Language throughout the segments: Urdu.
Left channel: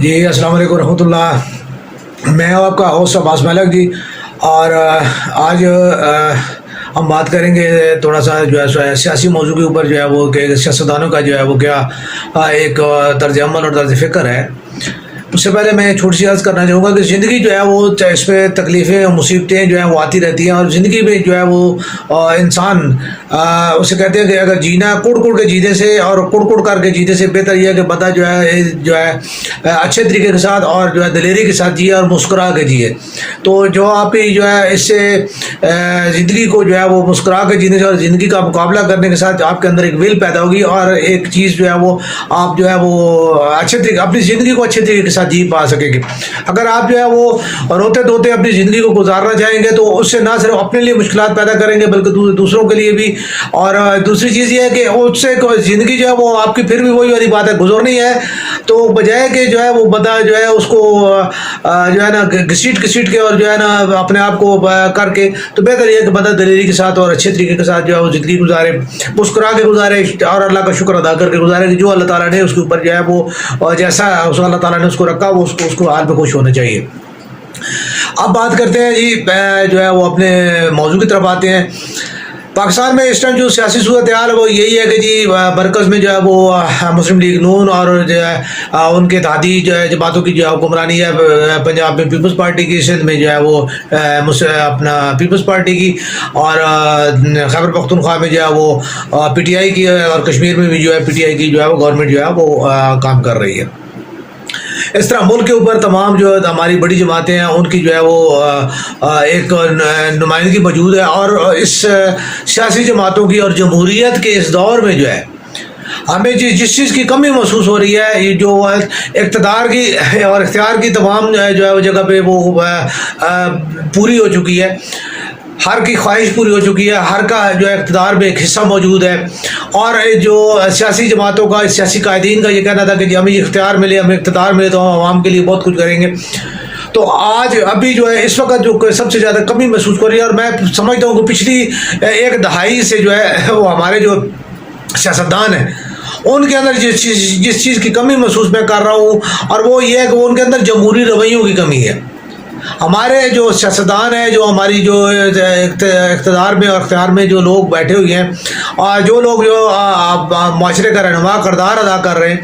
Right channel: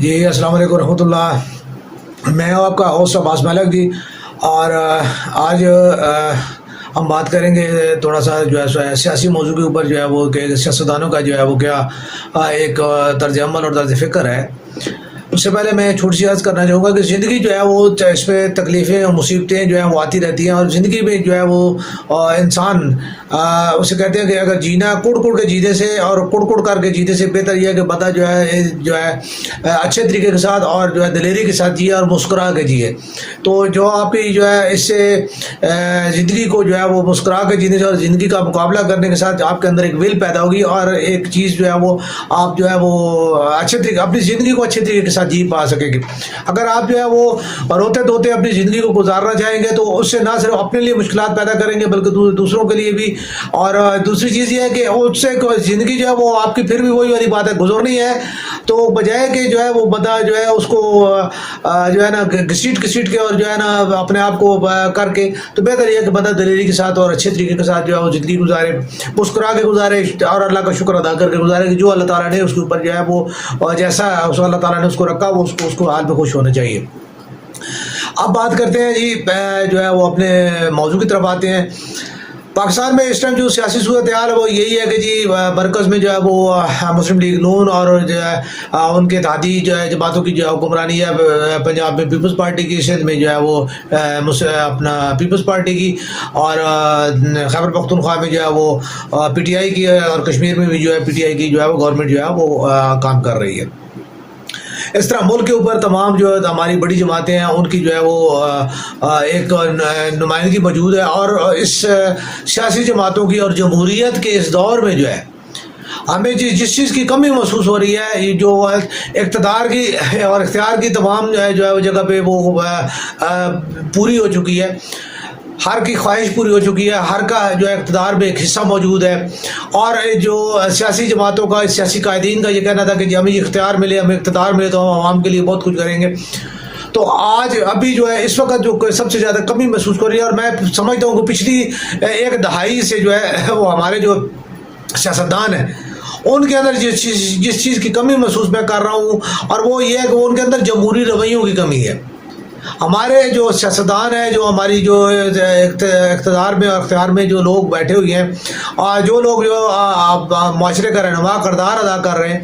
جی السلام علیکم ورحمۃ اللہ، میں ہوں آپ کا ہوسٹ عباس ملک جی۔ اور آج ہم بات کریں گے تھوڑا سا جو ہے سیاسی موضوع کے اوپر، جو ہے وہ کہ سیاستدانوں کا جو ہے وہ کیا ایک طرز عمل اور طرز فکر ہے۔ اس سے پہلے میں چھوٹی سی عرض کرنا چاہوں گا کہ زندگی جو ہے وہ اس پہ تکلیفیں اور مصیبتیں جو ہیں وہ آتی رہتی ہیں، اور زندگی میں جو ہے وہ انسان اسے کہتے ہیں کہ اگر جینا کڑ کڑ کے جینے سے اور کڑ کڑ کر کے جینے سے بہتر یہ ہے کہ بندہ جو ہے اچھے طریقے کے ساتھ اور جو ہے دلیری کے ساتھ جیے اور مسکرا کے جیے۔ تو جو آپ کی جو ہے اس سے زندگی کو جو ہے وہ مسکرا کے جینے سے اور زندگی کا مقابلہ کرنے کے ساتھ آپ کے اندر ایک ویل پیدا ہوگی، اور ایک چیز جو ہے وہ آپ جو ہے وہ اچھے طریقے اپنی زندگی کو اچھے طریقے کے ساتھ جی پا سکیں گے۔ اگر آپ جو ہے وہ روتے دھوتے اپنی زندگی کو گزارنا چاہیں گے تو اس سے نہ صرف اپنے لیے مشکلات پیدا کریں گے بلکہ دوسروں کے لیے بھی۔ اور دوسری چیز یہ ہے کہ اس سے زندگی جو ہے وہ آپ کی پھر بھی وہی والی بات ہے، گزرنی ہے، تو بجائے کہ جو ہے وہ بندہ جو ہے اس کو جو ہے نا گھسیٹ کے اور جو ہے نا اپنے آپ کو کر کے، تو بہتر یہ ہے کہ بندہ دلیری کے ساتھ اور اچھے طریقے کے ساتھ جو ہے وہ زندگی گزارے، مسکرا کے گزارے اور اللہ کا شکر ادا کر کے گزارے کہ جو اللہ تعالیٰ نے اس کے اوپر جو ہے وہ جیسا اللہ تعالیٰ نے اس کو رکھا وہ اس کو حال پہ خوش ہونا چاہیے۔ اب بات کرتے ہیں جی، جو ہے وہ اپنے موضوع کی طرف آتے ہیں۔ پاکستان میں اس ٹائم جو سیاسی صورتحال ہے وہ یہی ہے کہ جی مرکز میں جو ہے وہ مسلم لیگ نون اور جو ہے ان کے اتحادی جو ہے جماعتوں کی جو ہے حکمرانی ہے۔ پنجاب میں پیپلز پارٹی کی، سندھ میں جو ہے وہ اپنا پیپلز پارٹی کی، اور خیبر پختونخوا میں جو ہے وہ پی ٹی آئی کی، اور کشمیر میں بھی جو ہے پی ٹی آئی کی جو ہے وہ گورنمنٹ جو ہے وہ کام کر رہی ہے۔ اس طرح ملک کے اوپر تمام جو ہماری بڑی جماعتیں ہیں ان کی جو ہے وہ ایک نمائندگی موجود ہے، اور اس سیاسی جماعتوں کی اور جمہوریت کے اس دور میں جو ہے ہمیں جس چیز کی کمی محسوس ہو رہی ہے، یہ جو اقتدار کی اور اختیار کی تمام جو ہے جگہ پہ وہ پوری ہو چکی ہے، ہر کی خواہش پوری ہو چکی ہے، ہر کا جو ہے اقتدار میں ایک حصہ موجود ہے، اور جو سیاسی جماعتوں کا، سیاسی قائدین کا یہ کہنا تھا کہ جی ہمیں اختیار ملے، ہمیں اقتدار ملے تو ہم عوام کے لیے بہت کچھ کریں گے۔ تو آج ابھی جو ہے اس وقت جو سب سے زیادہ کمی محسوس کر رہی ہے، اور میں سمجھتا ہوں کہ پچھلی ایک دہائی سے جو ہے وہ ہمارے جو سیاستدان ہیں ان کے اندر جس چیز کی کمی محسوس میں کر رہا ہوں، اور وہ یہ ہے کہ ان کے اندر جمہوری رویوں کی کمی ہے۔ ہمارے جو سیاستدان ہیں، جو ہماری جو اقتدار میں اور اختیار میں جو لوگ بیٹھے ہوئے ہیں، اور جو لوگ جو معاشرے کا رہنما کردار ادا کر رہے ہیں،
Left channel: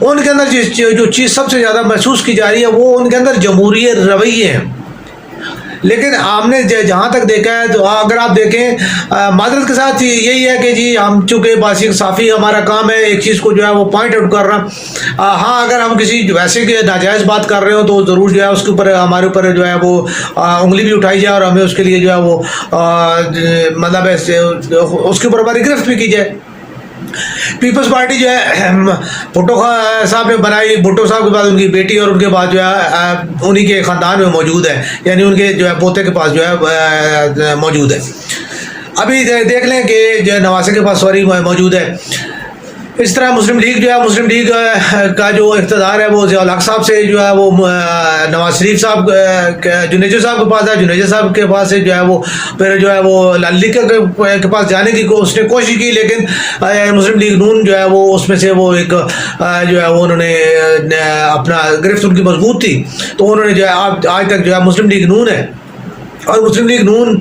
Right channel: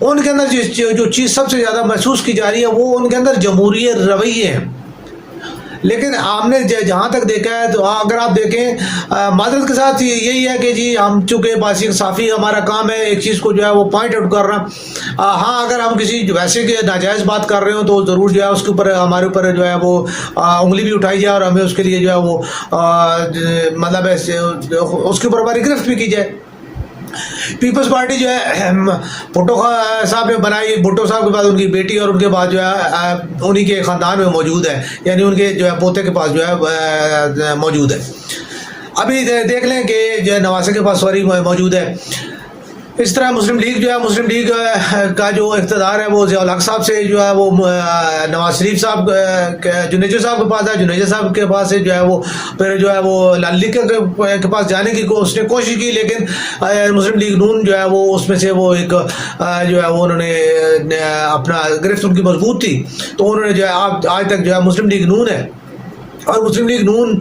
ان کے اندر جو چیز سب سے زیادہ محسوس کی جا رہی ہے وہ ان کے اندر جمہوری رویے ہیں۔ لیکن ہم نے جہاں تک دیکھا ہے، تو اگر آپ دیکھیں معذرت کے ساتھ یہی ہے کہ جی ہم چونکہ باسی صافی ہمارا کام ہے ایک چیز کو جو ہے وہ پوائنٹ آؤٹ کرنا۔ ہاں اگر ہم کسی ویسے کہ ناجائز بات کر رہے ہوں تو ضرور جو ہے اس کے اوپر ہمارے اوپر جو ہے وہ انگلی بھی اٹھائی جائے، اور ہمیں اس کے لیے جو ہے وہ مطلب اس کے اوپر ہماری گرفت بھی کی جائے۔ پیپلز پارٹی جو ہے بھٹو صاحب نے بنائی، بھٹو صاحب کے بعد ان کی بیٹی، اور ان کے بعد جو ہے انہی کے خاندان میں موجود ہے، یعنی ان کے جو ہے پوتے کے پاس جو ہے موجود ہے۔ ابھی دیکھ لیں کہ جو ہے نواسے کے پاس موجود ہے۔ اس طرح مسلم لیگ جو ہے، مسلم لیگ کا جو اقتدار ہے وہ ضیاء الحق صاحب سے جو ہے وہ نواز شریف صاحب جنیجو صاحب کے پاس ہے، جنیجو صاحب کے پاس سے جو ہے وہ پھر جو ہے وہ لال لیگ کے پاس جانے کی اس نے کوشش کی، لیکن مسلم لیگ نون جو ہے وہ اس میں سے وہ ایک جو ہے وہ انہوں نے اپنا گرفت ان کی مضبوط تھی، تو انہوں نے جو ہے آج تک جو ہے مسلم لیگ نون ہے، اور مسلم لیگ نون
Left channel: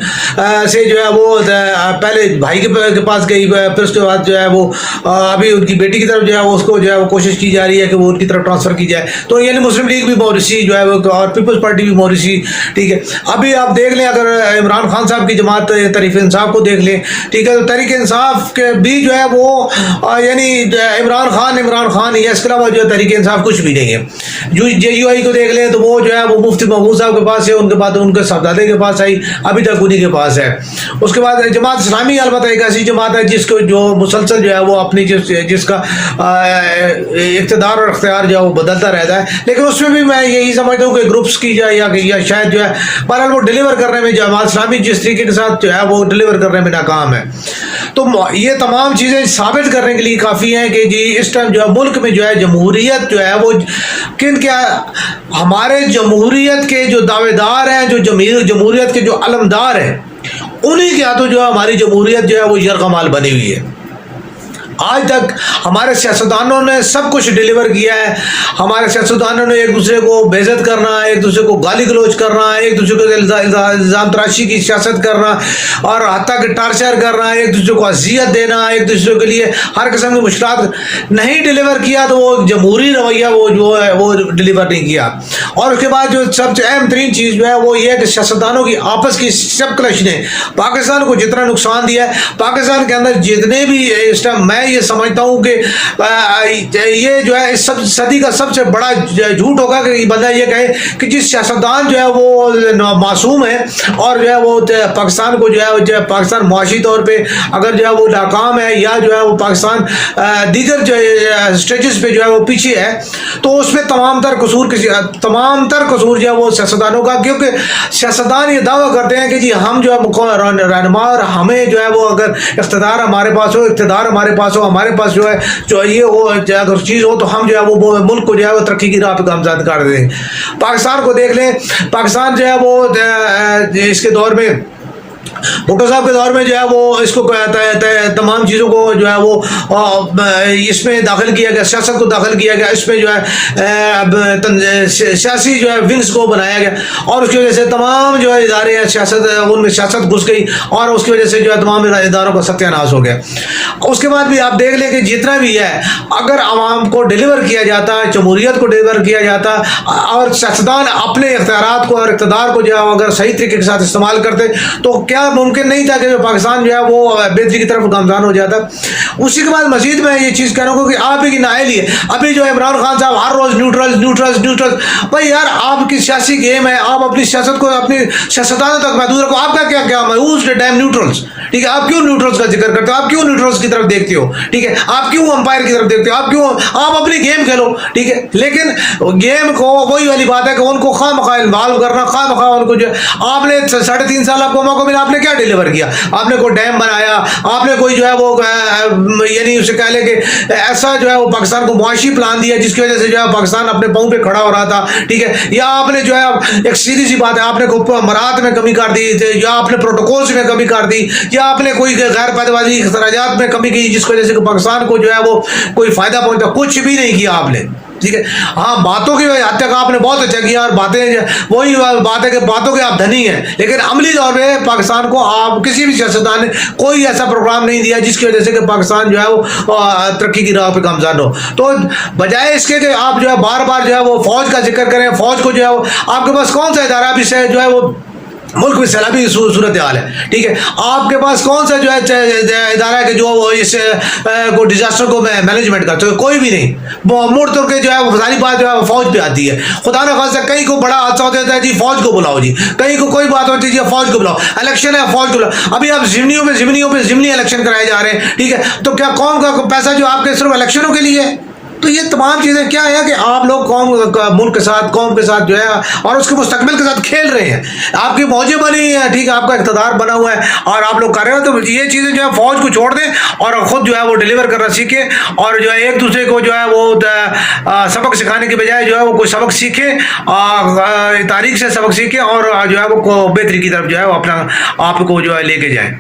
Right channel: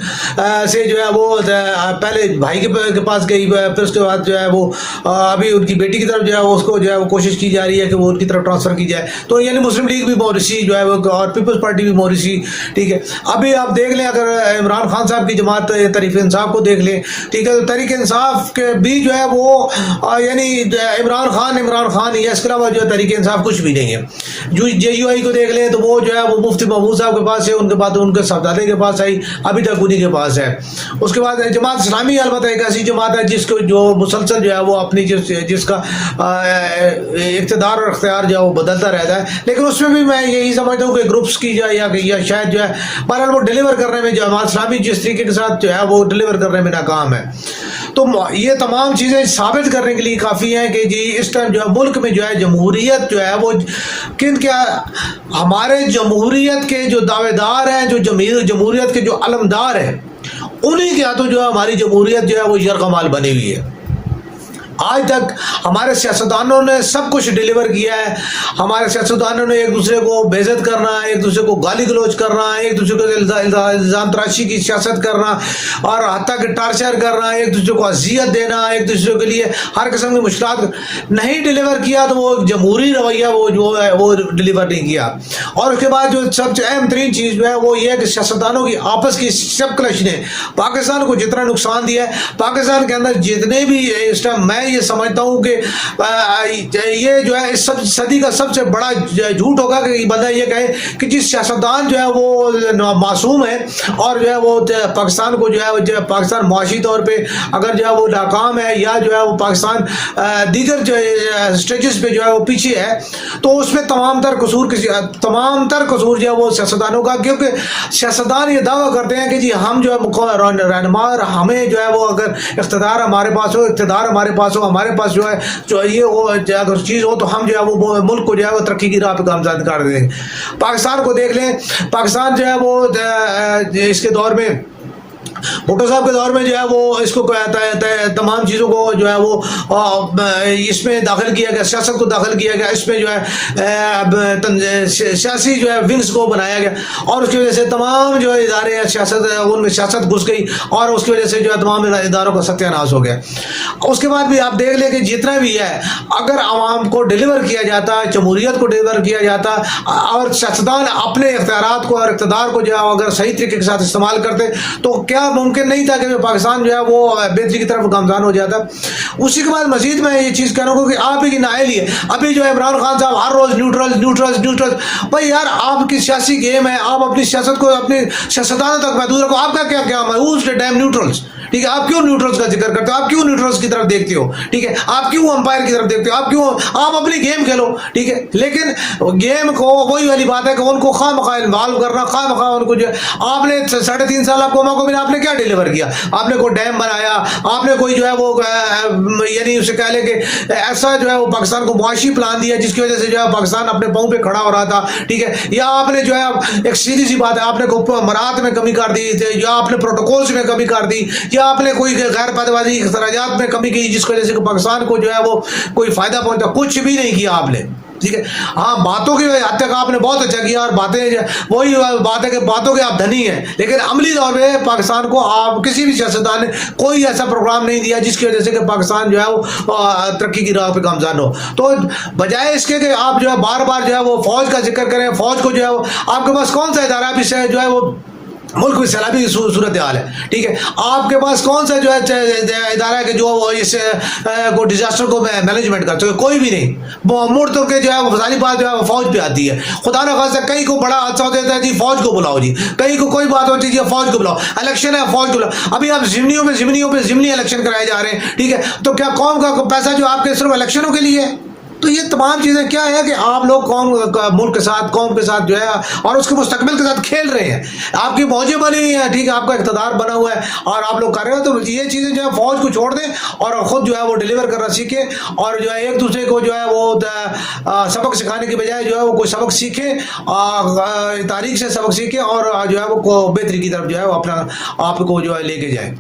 سے جو ہے وہ پہلے بھائی کے پاس گئی، پھر اس کے بعد جو ہے وہ ابھی ان کی بیٹی کی طرف جو ہے اس کو جو ہے وہ کوشش کی جا رہی ہے کہ وہ ان کی طرف ٹرانسفر کی جائے، تو یعنی مسلم لیگ بھی موریثی جو ہے وہ اور پیپلز پارٹی بھی موریثی، ٹھیک ہے۔ ابھی آپ دیکھ لیں اگر عمران خان صاحب کی جماعت تحریک انصاف کو دیکھ لیں، ٹھیک ہے، تو تحریک انصاف کے بھی جو ہے وہ یعنی عمران خان یا اس کے علاوہ جو ہے تحریک انصاف کچھ بھی نہیں ہے۔ جے یو آئی کو دیکھ لیں تو وہ جو ہے وہ مفتی محمود صاحب کے پاس ہے، ان کے بعد ان کے صاحبزادے کے پاس آئی، ابھی تک انہی کے پاس ہے۔ اس کے بعد جماعت اسلامی البتہ ایک ایسی جماعت ہے جس کو جو مسلسل جو ہے وہ اپنی جس کا اقتدار اور اختیار جو ہے وہ بدلتا رہتا ہے، لیکن اس میں بھی میں یہی سمجھتا ہوں کہ گروپس کی جائے یا شاید جو ہے بہرحال وہ ڈیلیور کرنے میں جماعت اسلامی جس طریقے کے ساتھ جو ہے وہ ڈیلیور کرنے میں ناکام ہے۔ تو یہ تمام چیزیں ثابت کرنے کے لیے کافی ہیں کہ جی اس ٹائم جو ہے ملک میں جو ہے جمہوریت جو ہے وہ کیا ہمارے جمہوریت کے جو دعوے دار ہیں، جو جمہوریت کے جو علمدار ہیں، انہی کے ہاتھوں جو ہے ہماری جمہوریت جو ہے وہ یرغمال بنی ہوئی ہے۔ آج تک ہمارے سیاستدانوں نے سب کچھ ڈیلیور کیا ہے. ہمارے سیاستدانوں نے ایک دوسرے کو بے عزت کرنا، ایک دوسرے کو گالی گلوچ کرنا، ایک دوسرے کو الزام تراشی کی سیاست کرنا اور حتیٰ کہ ٹارچر کرنا، ایک دوسرے کو اذیت دینا، ایک دوسرے کے لیے ہر قسم کی مشکلات نہیں ڈیلیور کیا. تو وہ جمہوری رویہ وہ جو ہے وہ ڈیلیور نہیں کیا. اور اس کے بعد جو سب سے اہم ترین چیز جو ہے وہ یہ ہے کہ سیاستدانوں کی آپس کی سب کلش نے پاکستان کو جتنا نقصان دیا ہے، پاکستان کے اندر جتنے بھی اس ٹائم میں یہ سمجھتا ہوں کہ یہ جو ہے اس سب صدی کا سب سے بڑا جھوٹ ہوگا کہ بندہ یہ کہے کہ جس سیاستدان جو ہے وہ معصوم ہے اور جو ہے وہ پاکستان کو جو ہے پاکستان معاشی طور پہ اگر جو ہے وہ ناکام ہے یا جو ہے وہ پاکستان دیگر جو اسٹیجز پہ جو ہے وہ پیچھے ہے، تو اس میں تمام تر قصور جو ہے وہ سیاستدانوں کا. کیونکہ سیاستدان یہ دعویٰ کرتے ہیں کہ جی ہم جو ہے رہنما اور ہمیں جو ہے وہ اگر اقتدار ہمارے پاس ہو ہمارے پاس جو ہے جو یہ ہو اگر چیز ہو تو ہم جو ہے وہ ملک کو جو ہے وہ ترقی کی راہ پہ گامزن کر دیں. پاکستان کو دیکھ لیں، پاکستان جو ہے وہ اس کے دور میں بھٹو صاحب کے دور میں جو ہے وہ اس کو تمام چیزوں کو جو ہے وہ اس میں داخل کیا گیا، سیاست کو داخل کیا گیا، اس میں جو ہے سیاسی جو ہے ونگز کو بنایا گیا اور اس کی وجہ سے تمام جو ہے ادارے سیاست ان میں سیاست گھس گئی اور اس کی وجہ سے جو ہے تمام اداروں کا ستیہ ناش ہو گیا. اس کے بعد بھی آپ دیکھ لیں کہ جتنا بھی ہے اگر عوام کو ڈیلیور کیا جاتا، جمہوریت کو ڈیلیور کیا جاتا اور سیاستدان اپنے اختیارات کو اور اقتدار کو جو ہے اگر صحیح طریقے کے ساتھ استعمال کرتے تو کیا ممکن نہیں تھا کہ پاکستان جو ہے وہ بہتری کی طرف گامزن ہو جاتا. اسی کے بعد مزید میں یہ چیز کہہ رہا ہوں کہ آپ ہی کی نائل ہی ہے. ابھی جو ہے عمران خان صاحب ہر روز نیوٹرل بھائی یار آپ کی سیاسی گیم ہے، آپ اپنی سیاست کو اپنی سیاستدانوں تک محدود رکھو. آپ کا کیا ہے ڈیم نیوٹرلس، ٹھیک ہے، آپ کیوں نیوٹرلس کا ذکر کرتے ہو؟ آپ کیوں نیوٹرلس کی طرف دیکھتے ہو؟ ٹھیک ہے، آپ کیوں امپائر کی طرف دیکھتے ہو؟ آپ اپنی گیم کھیلو، ٹھیک ہے. لیکن گیم کو وہی والی بات ہے کہ ان کو خواہ مخواہ انوالو کرنا، خواہ مخواہ ان کو جو آپ نے 3.5 سال آپ کو موقع ملا، آپ نے کیا ڈیلیور کیا؟ آپ نے کوئی ڈیم بنایا، آپ نے کوئی جو ہے وہ یعنی اسے کہہ لیں کہ ایسا جو ہے وہ پاکستان کو معاشی پلان دیا جس کی وجہ سے جو ہے پاکستان اپنے پاؤں پہ کھڑا ہو رہا تھا، ٹھیک ہے. یا آپ نے جو ہے ایک سیدھی سی بات ہے آپ نے مراد میں کمی کر دی، یا آپ نے پروٹوکولز میں کمی کر دی، یا آپ نے کوئی غیر پیداواری اخراجات میں کمی کی جس کی وجہ سے پاکستان کو جو ہے وہ کوئی فائدہ پہنچا. کچھ بھی نہیں کیا آپ نے، ٹھیک ہے. ہاں باتوں کی حد تک آپ نے بہت اچھا کیا اور باتیں وہی بات ہے کہ باتوں کے آپ دھنی ہیں، لیکن عملی طور پہ پاکستان کو آپ کسی بھی سیاستدان نے کوئی ایسا پروگرام نہیں دیا جس کی وجہ سے کہ پاکستان جو ہے وہ ترقی کی راہ پہ گامزن ہو. تو بجائے اس کے کہ آپ جو ہے بار بار جو ہے وہ فوج کا ذکر کریں، فوج کو جو ہے وہ آپ کے پاس کون سا ادارہ بھی سے جو ہے وہ ملک میں سیلابی صورتحال ہے، ٹھیک ہے. آپ کے پاس کون سا جو ہے ادارہ ہے کہ جو اس کو ڈیزاسٹر کو مینجمنٹ کرتے ہو؟ کوئی بھی نہیں. مڑ تو کہ جو ہے وہ فضالی بات جو ہے وہ فوج پہ آتی ہے. خدا نہ خاصا کہیں کو بڑا حادثہ ہوتا ہے جی فوج کو بلاؤ، جی کہیں کو کوئی بات ہوتی ہے جی فوج کو بلاؤ، الیکشن ہے فوج کو بلاؤ. ابھی آپ ضمنی الیکشن کرائے جا رہے ہیں، ٹھیک ہے. تو کیا قوم کا پیسہ جو آپ کے صرف الیکشنوں کے لیے ہے؟ تو یہ تمام چیزیں کیا ہے کہ آپ لوگ ملک کے ساتھ قوم کے ساتھ جو ہے اور اس کے مستقبل کے ساتھ کھیل رہے ہیں. آپ کی موجیں بنی ہیں، ٹھیک ہے، آپ کا اقتدار بنا ہوا ہے اور آپ لوگ کر رہے ہیں. تو یہ چیزیں جو ہے فوج کو چھوڑ دیں اور خود جو ہے وہ ڈیلیور کرنا سیکھیں اور جو ہے ایک دوسرے کو جو ہے وہ سبق سکھانے کے بجائے جو ہے وہ کوئی سبق سیکھیں، تاریخ سے سبق سیکھیں اور جو ہے وہ بہتری کی طرف جو ہے وہ اپنا آپ کو جو ہے لے کے جائیں.